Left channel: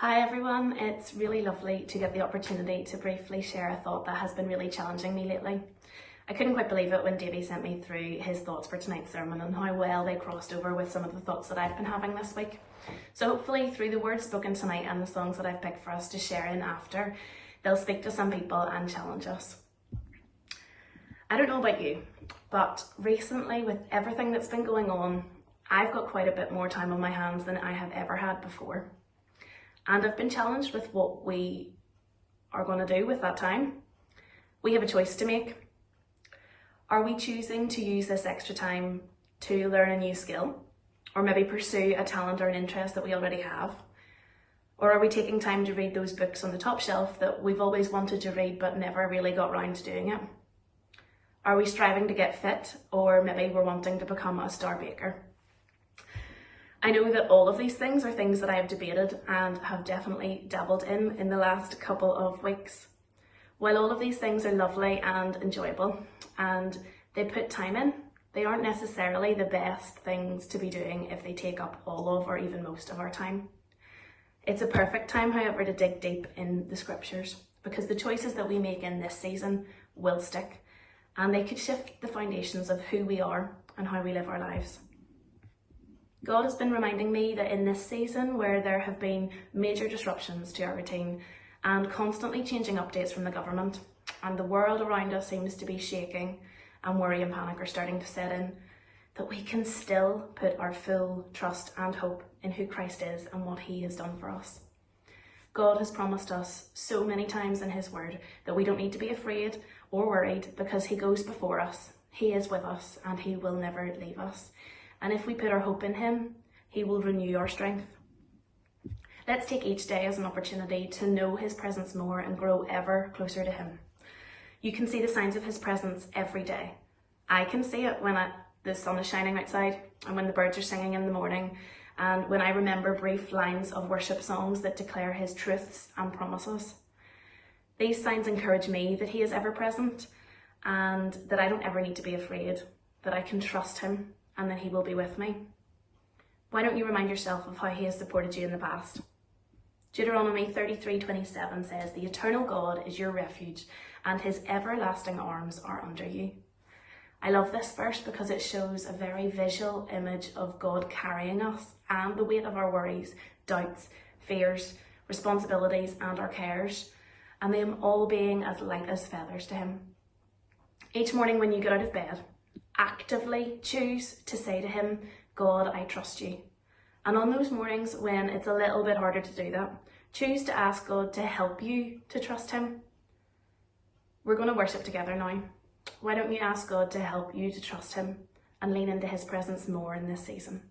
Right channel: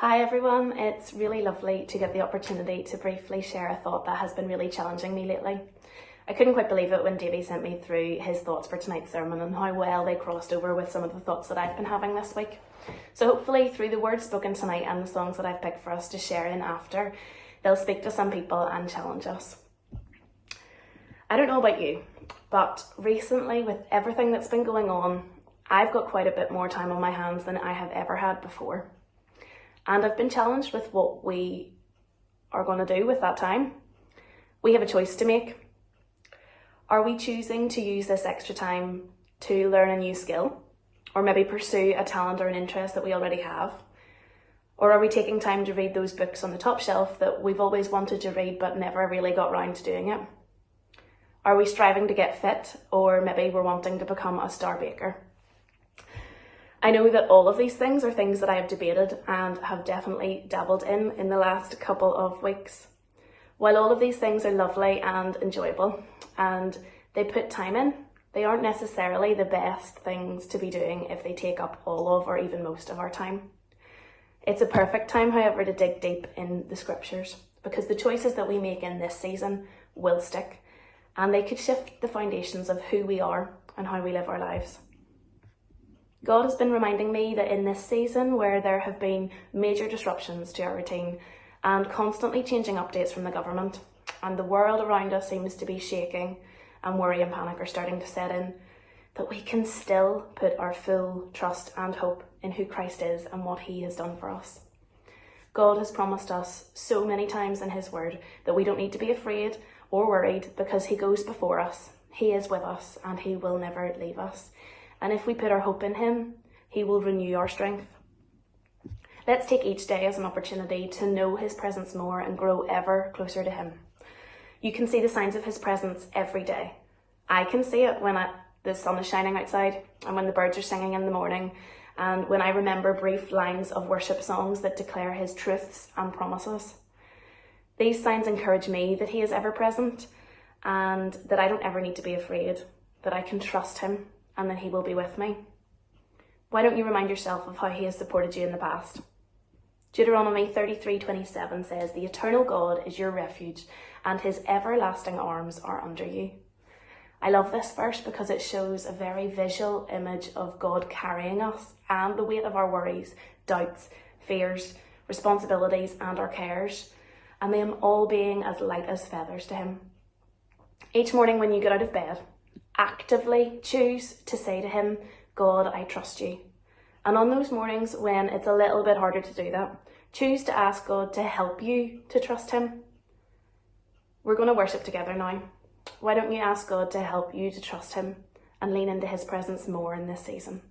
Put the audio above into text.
Hi everyone, it's really lovely to get the opportunity to briefly share a thought that has been really challenging me lately. I couldn't quite believe it when Davey sent me through his thoughts for tonight's sermon and how well they crossed over with some of the thoughts that I've been having this week. So hopefully through the words spoken tonight and the songs that I've picked for us to share in after, they'll speak to some people and challenge us. I don't know about you, but recently with everything that's been going on, I've got quite a bit more time on my hands than I have ever had before. And I've been challenged with what we are going to do with that time. We have a choice to make. Are we choosing to use this extra time to learn a new skill, or maybe pursue a talent or an interest that we already have? Or are we taking time to read those books on the top shelf that we've always wanted to read but never really got round to doing it? Are we striving to get fit, or maybe we're wanting to become a star baker? I know that all of these things are things that I have debated and have definitely dabbled in the last couple of weeks. While all of these things are lovely and enjoyable and they put time in, they aren't necessarily the best things to be doing if they take up all of or even most of our time. It's a perfect time, however, to dig deep in the scriptures, because the choices that we make in this season will stick, and they could shift the foundations of who we are and how we live our lives. God has been reminding me that in this season where there have been major disruptions to our routine and constantly changing updates from the government, and the world around us seems to be shaking and worry and panic are starting to set in, that we can still put our full trust and hope in who Christ is and what he has done for us. God has promised us so many times in his word that we don't need to be afraid or worried because he goes before us, he is with us, and he will never leave us. And if we put our hope in him, he will renew our strength. Let's take each day as an opportunity to know his presence more and grow ever closer to him. You can see the signs of his presence every day. I can see it when the sun is shining outside and when the birds are singing in the morning, and when I remember brief lines of worship songs that declare his truths and promises. These signs encourage me that he is ever present and that I don't ever need to be afraid, that I can trust him and that he will be with me. Why don't you remind yourself of how he has supported you in the past? Deuteronomy 33:27 says, "The eternal God is your refuge, and his everlasting arms are under you." I love this verse because it shows a very visual image of God carrying us and the weight of our worries, doubts, fears, responsibilities, and our cares, and them all being as light as feathers to him. Each morning when you get out of bed, actively choose to say to him, "God, I trust you." And on those mornings when it's a little bit harder to do that, choose to ask God to help you to trust him. We're going to worship together now. Why don't you ask God to help you to trust him and lean into his presence more in this season?